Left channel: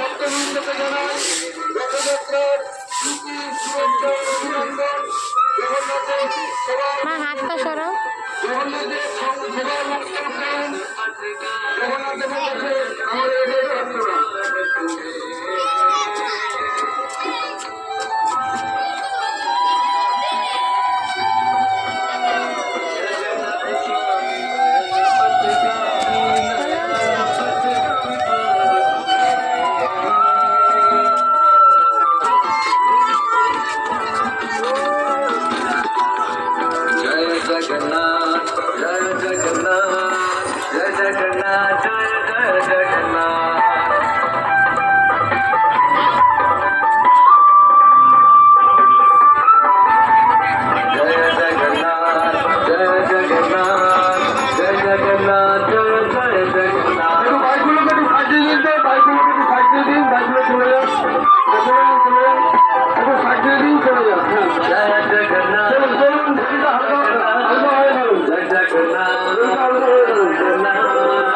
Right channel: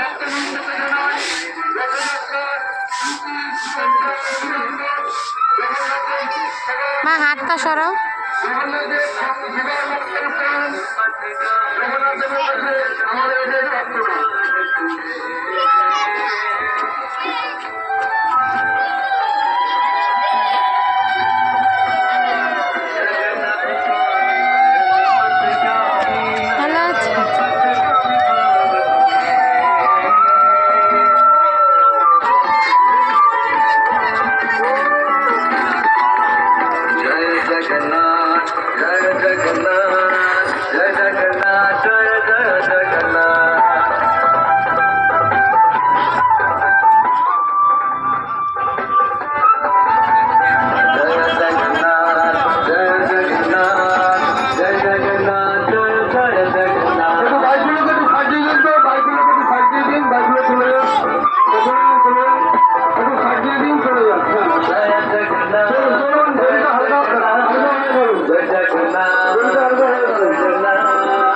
ভক্তবৃন্দকে জানাই রথযাত্রার প্রীতি শুভেচ্ছা অভিনন্দন। জগন্নাথের মা হাতটা সরাও। জগন্নাথের সবার মুক্ত প্রাণ জগন্নাথের কাছে আমাদের এটাই প্রার্থনা। जगन्नाथ जय जगन्नाथ जय जगन्नाथ जय जय जगन्नाथ जय जगन्नाथ जय जगन्नाथ जय जगन्नाथ जय जय जगन्नाथ। বাইকগুলোকে একটু সাজিয়ে দিন, তো বাইকগুলোকে একটু সাজিয়ে দিন, বাইকগুলো চলে যান।